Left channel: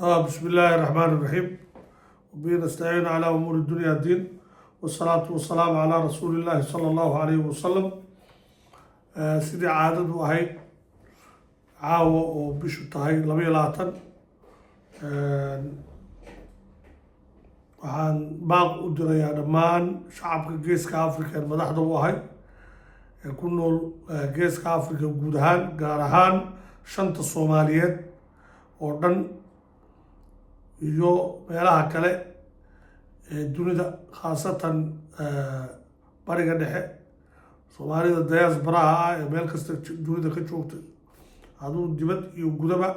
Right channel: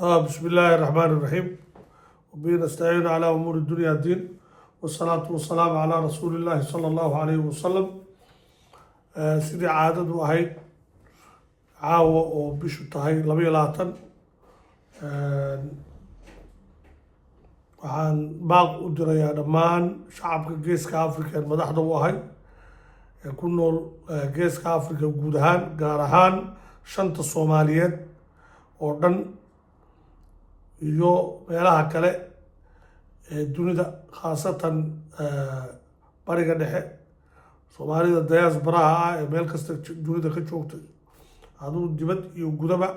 بسم الله الرحمن الرحيم وبه نستعين على أمور الدنيا والدين والصلاة والسلام على رسول الله صلى الله عليه وسلم سيدي عادد وهي عاوة وبشو تهي لبي لاتن waxaan baaq u dirayaa dhammaan shacabka geeska afrika ee madaxda u ahay ee ku nool geeska afrika guud ahaan gaar ahaan shanta soomaaliyeed oo dhan iyo meelaha kale ee dunida khaasatan bariga dhexe soomaalida diasporaha ah ee meel kasta dunida ka joogta aduu dibad iyo gudaba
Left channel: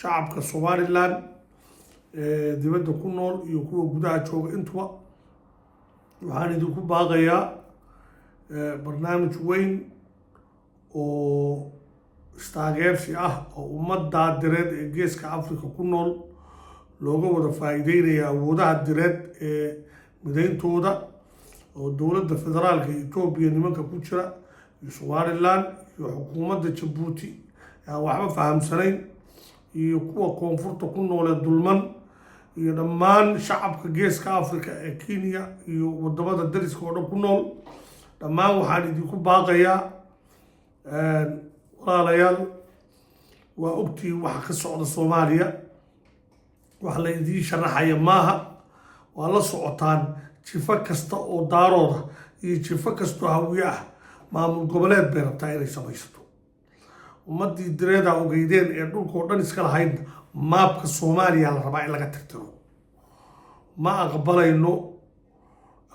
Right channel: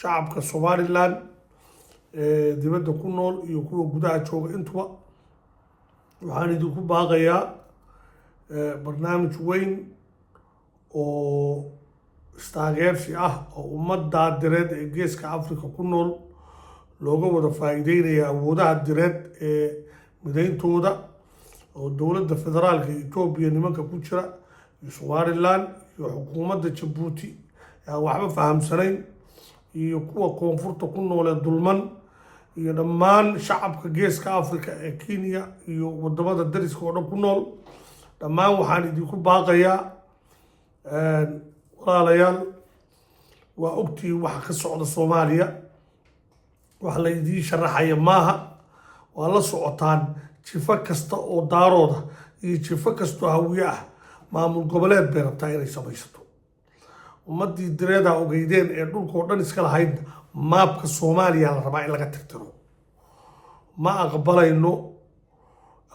shacabka somaliland dibadda ku nool iyo kuwa gudaha jooga intuba waxaan idinku baaqayaa barnaamij weyn oo istaageersi ah oo ummadda direed ee geeska afrika ku nool looga wada faa'iideynaya awoodaha direed ee midayntooda oo dowladda federaalka etoobiya nimanka ku jira iyo somaliland iyo xukuumadda jabuuti aan waxba fahamsanayn iyo kuwa koonfurta ku nool ee dulman iyo dhammaan shacabka geeska afrika ee kenya iyo wadamada dariska oo dhan ku nool dhammaan waxaan idinku baaqayaa walaalayaal waa ogtiin waxa ka socda soomaaliya wax la idiin sharaxaya maaha waa la socotaan jifo kasta oo daarooda iyo jifo kastoo hawiye ah maamul goboleed bay rabtaa inay samaysato ummaddii direeda ogeydeen ee dhulkao dhan iska lahaydna maabka soomaaliya la rabaa in laga tirtiro ma aqbalayno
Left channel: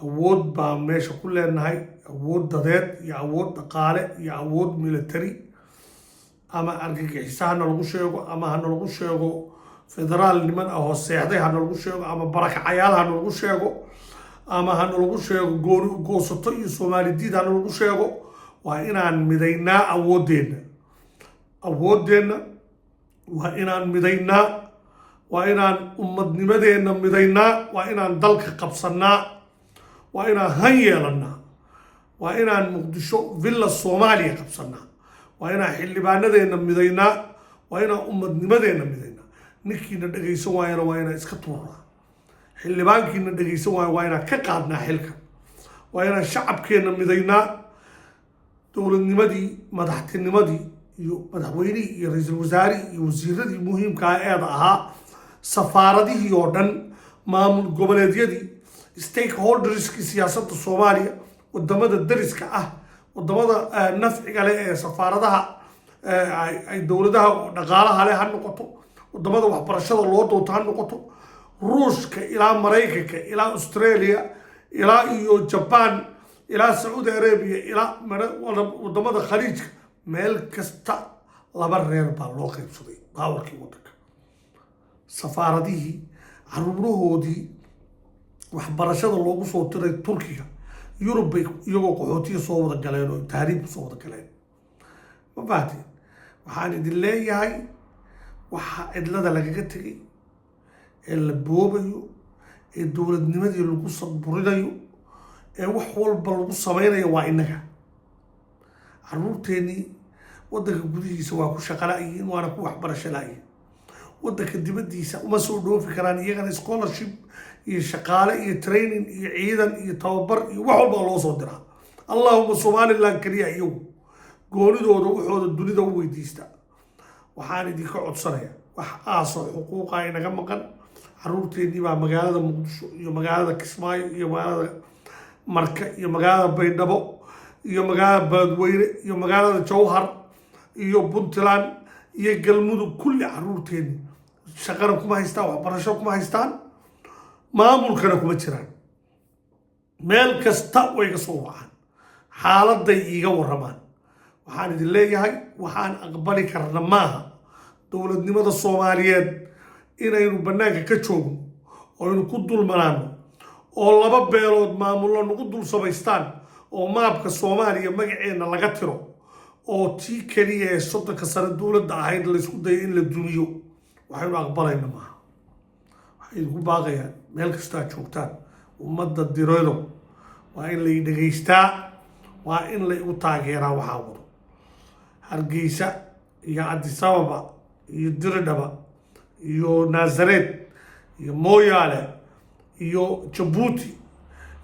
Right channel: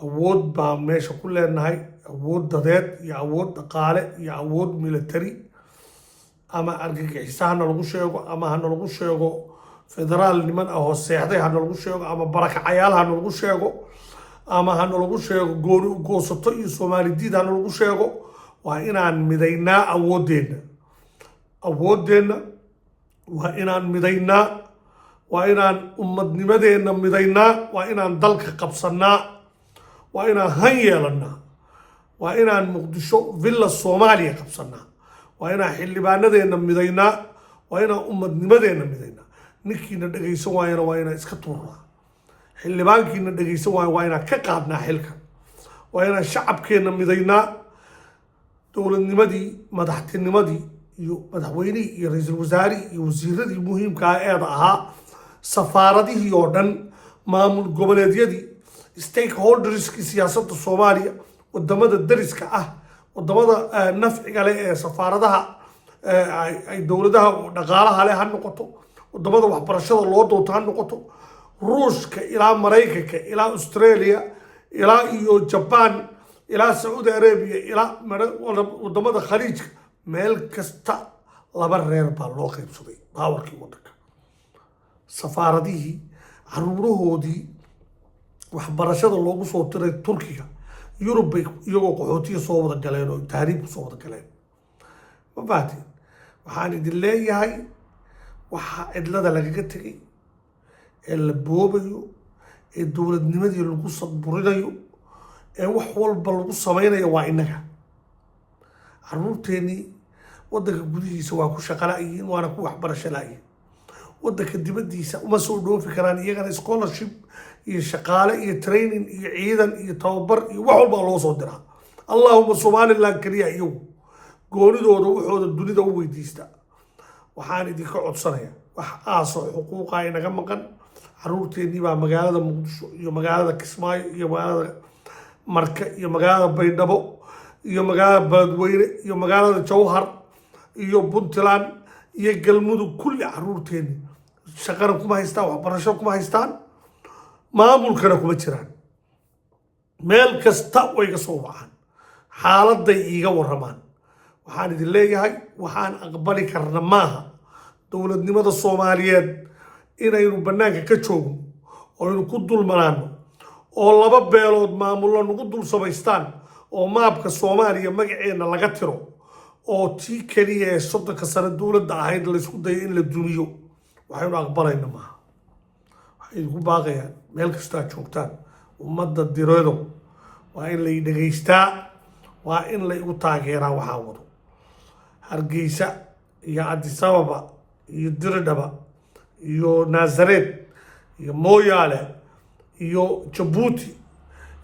awood baan meesha ku leenahay awood dadeed iyo awood dhaqaale iyo awood military ama argagixiso hana lagu sheego ama hana lagu sheego federaal niman ah oo seexday hana lagu sheego ama barakacayaal hana lagu sheego ama hana lagu sheego gooni goosato iyo soomaali diid hana lagu sheego waa inaan midaynaa awoodeenna waa inaan midaynaa waa inaan ummadnimadeenna midaynaa waa inaan dalka qabsannaa waa inaan han yeelannaa waa inaan muqdisho villa soomaaliya qabsannaa waa inaan xildhibaanadeenna midaynaa waa inaan ummadnimadeenna midaynaa ninkiina dhegaysan waayana waa inaan iska tuurnaa xildhibaankiina dhegaysan waayo waa inaan ka qaadnaa xilka waa inaan shacabkeenna midaynaa dowladnimadii madaxtinimadii iyo madaxweynihii iyo ra-iisul wasaarihii iyo wasiiradii muhiimkaa eeda ahaa safaaradihii oo dhan maamul goboleedyadii stakeholderskii siyaasadda soomaaliya wadamada dariska ah wadamada nafciga leh ee safaaradaha ay dowladaha dhaqaalaha leh ha noqoto wadamada waxbarashada loo doonto ha noqoto ruushka ilaa maraykanka ilaa australia ilaa iyo jaban ilaa sacuudi arabia ilaa wadamada khaliijka meel kasta laba reer baa loo qaybsaday baawarkii waddanka safaaradihii caruurahoodii waxbarashada loogu soo tiray turkiga yurub bay iyagoo qaxootiya soo wada galeen oo tahriibka soo wada galeen ma fahateen waxaan idin leeyahay waxaa cidlada lagaga tegay ee la boobayo ee dowladnimadii lagu saburinayo ee wax walba lagu samaynayo waa innaga caruurteennii waddanka gudihiisa waa ku shaqo la-yihiin waana ku waxbarasho la-yihiin waddanka dibaddiisa uma soo dhoofi karaan iyagana scholarship iyo shaqaale iyo training iyo ciidan iyo tababar iyo wax walbaa loo soo diraa allahuma somaliland keliya iyagu goonidooda waxooda dunida u weydiista waxaan idinka codsanaya wax aasoo xuquuqa inaga maqan caruurteennii baa magaalada muqdisho iyo magaalada kismaayo iyo magaalada marka iyo magaalada baydhabo iyo magaalada beledweyne iyo magaalada jawhar iyo puntland iyo galmudug kulli caruurteeni shaqana kuma haystaan waxbarasho kuma haystaan maamulkana kuma jiraan meel kasta way ka soo wacaan xaaladay iiga waramaan waxaan idin leeyahay waxaan aqbali karna maaha dowladnimada soomaaliyeed inaynu bannaanka ka joogno oo aynu ku dulmanaano oo laba beelood maamullo nagu dul samaystaan oo maabka soomaaliya magaceenna laga tiro oo tii keliya ee soddonka sano dowladda ahayd laysku dayo in la dumiyo waxaynu aqbalayna maaha waxay idinku baaqayaan meel kastoo aad joogtaan ummadda direedo waa in lay dhegaystaa waa in la igu taageeraa waxaa wado hargeysa iyo cadisababa iyo diridhaba iyo Nazaret iyo Moyale iyo Djibouti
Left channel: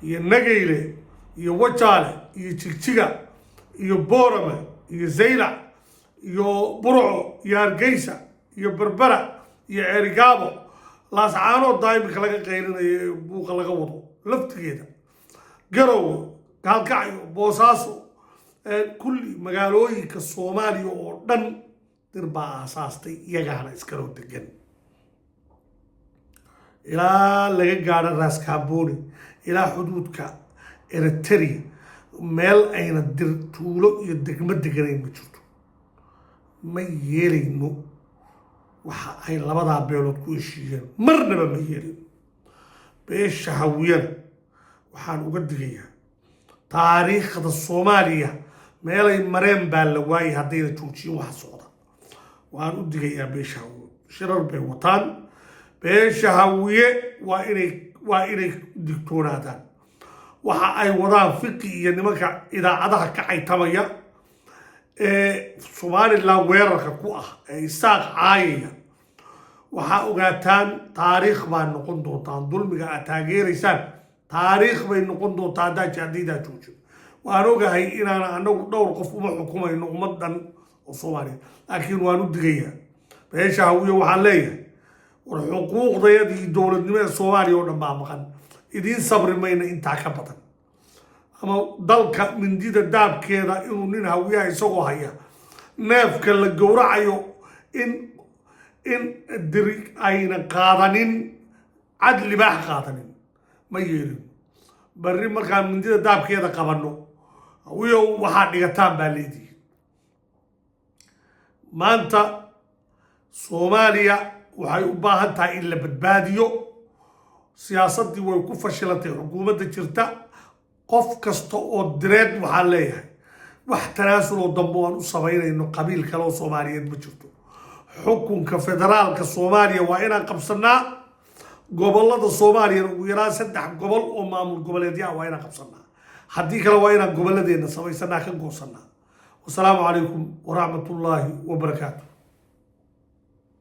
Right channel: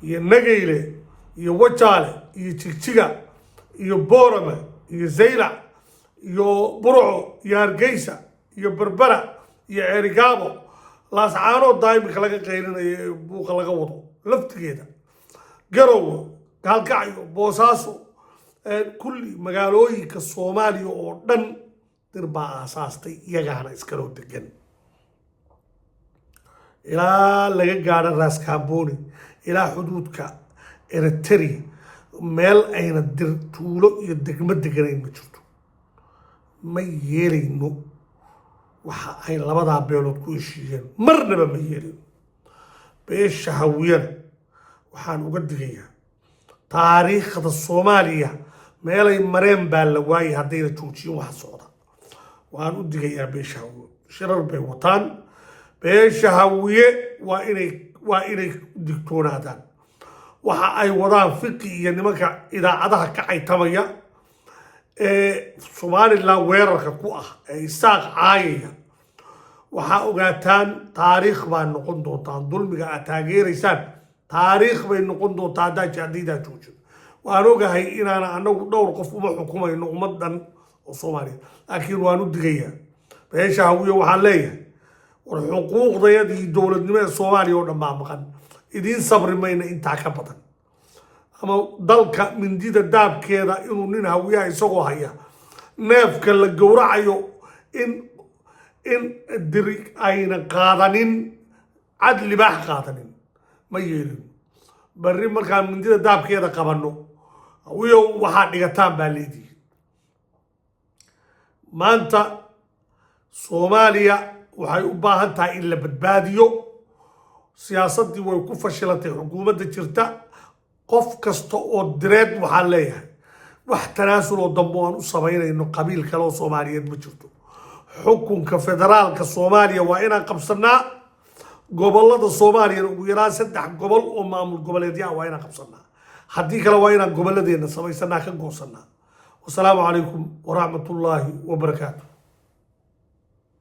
iyo Nageyle iyo Wajaale iyo Jigjiga iyo Boorame iyo Zaylac iyo Burco iyo Hargeysa iyo Berbera iyo Cerigabo laascaanood daa'imka laga qeyrinayo buuqa laga wado laftigeeda Garowe Gaalkacyo Boosaaso kulli magaalooyinka Soomaaliya oo dhan dir baa aasaastay iyagaana iskala degan ilaa laga gaadho Raas Kaamboni ilaa xuduudka Eritrea meel ayna dir tuulo iyo degmo deganayn ma jirto ma yeelayno waxa ay labadaa beelood ku heshiiyeen marnaba ma yeelin beesha hawiyana waxaan uga digayaa taariikhda Soomaaliya meelay mareen baa la waayay haddayna joojiyeen waxa socda waan u digayaa beesha hawiye shirar bay wataan beesha hawiye waa inay digtoonaadaan waxa ay wadaan fiqi iyo nimanka idaacadaha ka caytamaya Somaliland weerarka ku ah isaaq caayaya waxaa ogaataan taariikh baa noqon doontaan dulmiga aad taageeraysaan taariikh bay noqon doontaa haddaa jacdiidaa joojo waan ogahay inaan anagu dhowr qof uma xukumayno ummadan oo Soomaaliya laakiin waan u digayaa beesha hawiye waxaan leeyahay war xuquuqdayadii dowladnimada Soomaaliya oo dhan baa maqan idiin sabri mayna intaa ka badan ama dalka mindida daabkeeda inuu nin hawiyaha isagoo haya neefka la gowracayo in diri ayna qaadanin cad libaax qaadanin ma yeelin barri markaan mindida daabkeeda qabanno hawiyo waxaa dhigataan baa leedihi maanta Soomaaliya waxay u baahan tahay in la badbaadiyo siyaasaddii way ku fashilantay xukuumadda jirta qof kasta oo direed waxaan leeyahay wax tanaasul oo dambe aan u samaynayno qabiil kale oo Soomaaliyeed ma jirto xukunka federaalka Soomaaliya waa inaan qabsanaa gobollada Soomaaliya ugu yaraan 3 gobol oo maamul goboleedya waa inaan qabsanaa haddii kale waa inaan gobolladeena samaysanaa ka goosanaa wasalaamu calaykum waraxmatullaahi wabarakaatuh